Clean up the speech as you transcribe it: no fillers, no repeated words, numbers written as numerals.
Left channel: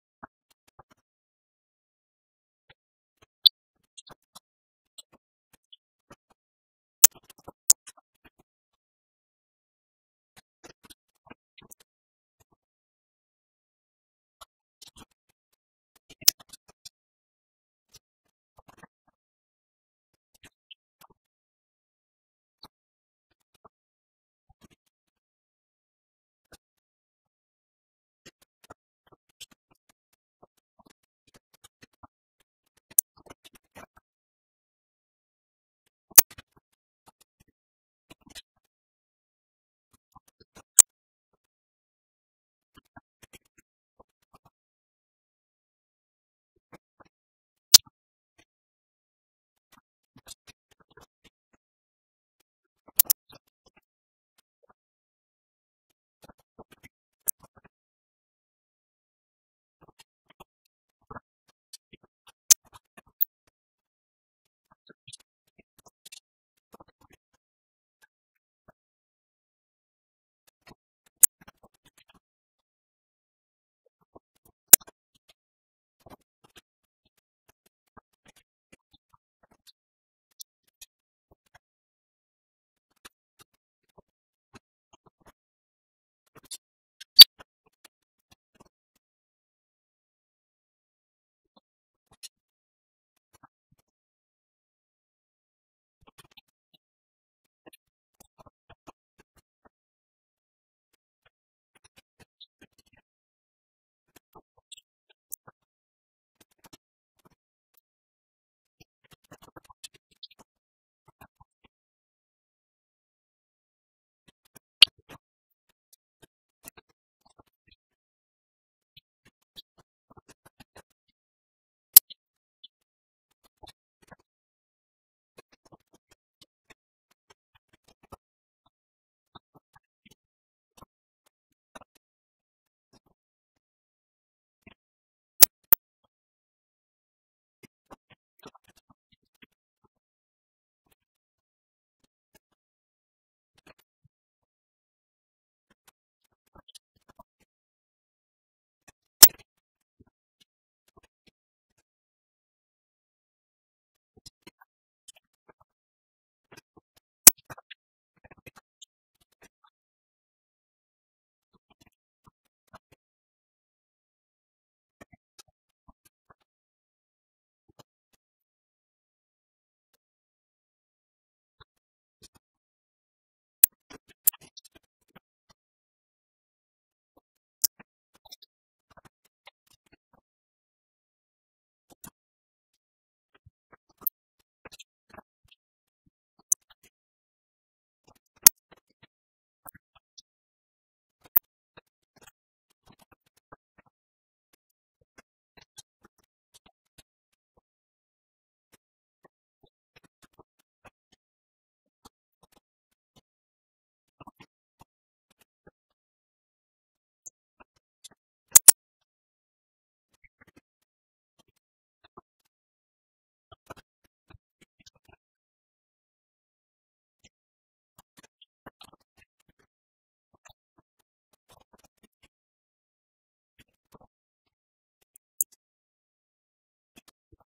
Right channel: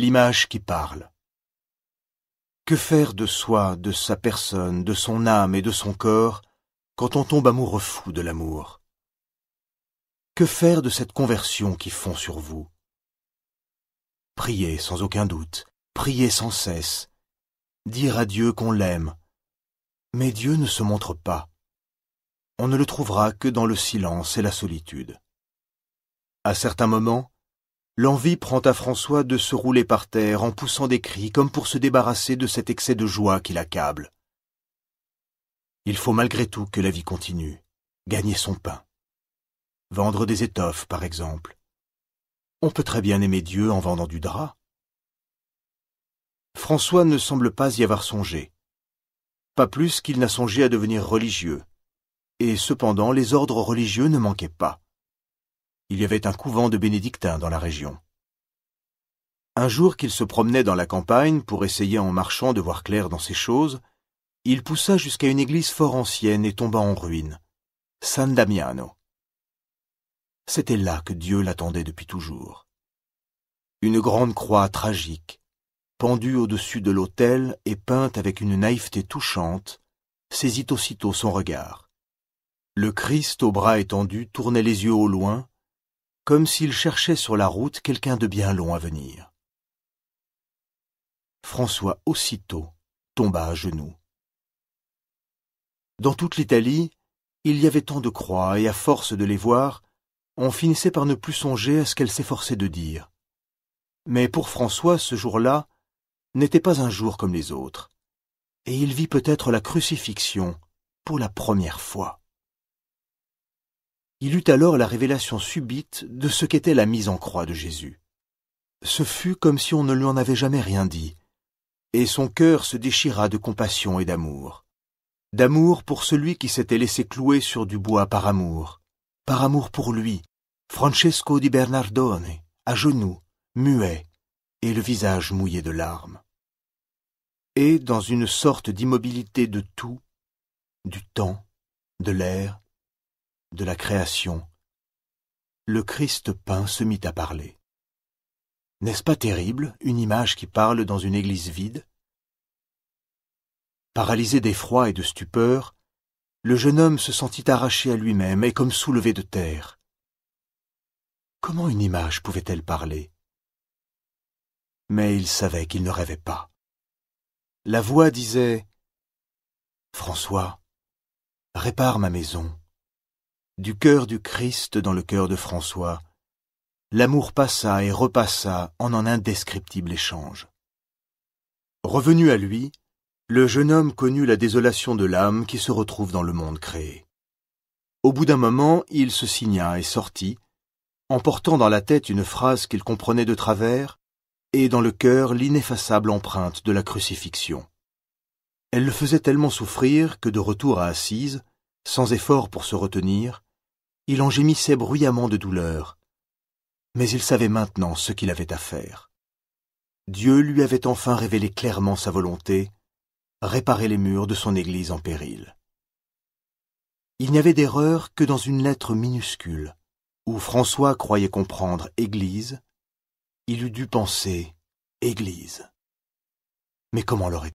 L'image qui parle. Que faire de soi, de sa personne, de son âme et de son corps, quand on tombe amoureux fou de l'amour? Que faire de cette conversion qui fond sur vous? Prier sans aucun doute, prier sans cesse, dire à Dieu qu'on l'aime. Mais Dieu ne se montre pas. On ne le trouvera que dans le silence et la solitude. À certains moments, l'envie prend à François de se rouler par terre en poussant des cris comme pour se débarrasser de cet excès de joie qui l'accable. Il faut malgré tout que la vie continue, gagner son pain. Vendre des étoffes, par exemple. On peut très bien aimer Dieu en vendant du drap. François ne semble pas y avoir songé. Pas plus qu'il n'a songé à devenir religieux. Et cependant, les ordres religieux ne manquaient pas. Il y avait un couvent de bénédictins dans la région. Un jour qu'il se promenait dans la campagne pour essayer en marchant de voir clair dans ces choses, il poussa jusqu'à une église fort ancienne et tomba en ruine, San Damiano. C'était là que Dieu l'attendait depuis toujours. Une grande croix tragique, pendue au-dessus de l'autel et peinte avec une naïveté touchante, saisit aussitôt son regard. Le Christ au bras étendu tournait les yeux au loin, comme s'il cherchait sur la route quelqu'un de bien long à venir. François aussitôt tomba à genoux. Dans toute l'Italie, il y avait tant de croix, et à force de les voir, on finissait par ne plus songer à ce qu'elle s'efforçait de dire. Mais pour François, ce jour-là n'était pas un jour comme les autres, et il vit peut-être la crucifixion pour la première fois. Il eut alors la révélation subite de ce qu'était la mise en croix de Jésus. Ce fut comme si on ne lui en avait jamais rien dit, et son cœur se déchira de compassion et d'amour. D'amour pour celui qui s'était laissé clouer sur du bois par amour pour lui, Francesco di Bernardone, à genoux, muet, et le visage mouillé de larmes. Et dans une sorte d'immobilité de tout, du temps, de l'air, de la création, le Christ peint se mit à parler. N'est-ce pas terrible, une image qui parle dans une église vide? Paralysé d'effroi et de stupeur, le jeune homme se sentit arraché à lui-même et comme soulevé de terre. Comment une image pouvait-elle parler? Mais il savait qu'il ne rêvait pas. La voix disait « François, répare ma maison. » Du cœur du Christ dans le cœur de François, l'amour passa et repassa en un indescriptible échange. Revenu à lui, le jeune homme connut la désolation de l'âme qui se retrouve dans le monde créé. Au bout d'un moment, il se signa et sortit, emportant dans la tête une phrase qu'il comprenait de travers et dans le cœur l'ineffaçable empreinte de la crucifixion. Elle le faisait tellement souffrir que de retour à Assise, sans effort pour se retenir, il en gémissait bruyamment de douleur. Mais il savait maintenant ce qu'il avait à faire. Dieu lui avait enfin révélé clairement sa volonté, réparer les murs de son église en péril. Il n'y avait d'erreur que dans une lettre minuscule, où François croyait comprendre « Église », il eût dû penser « Église ». Mais comment l'aurait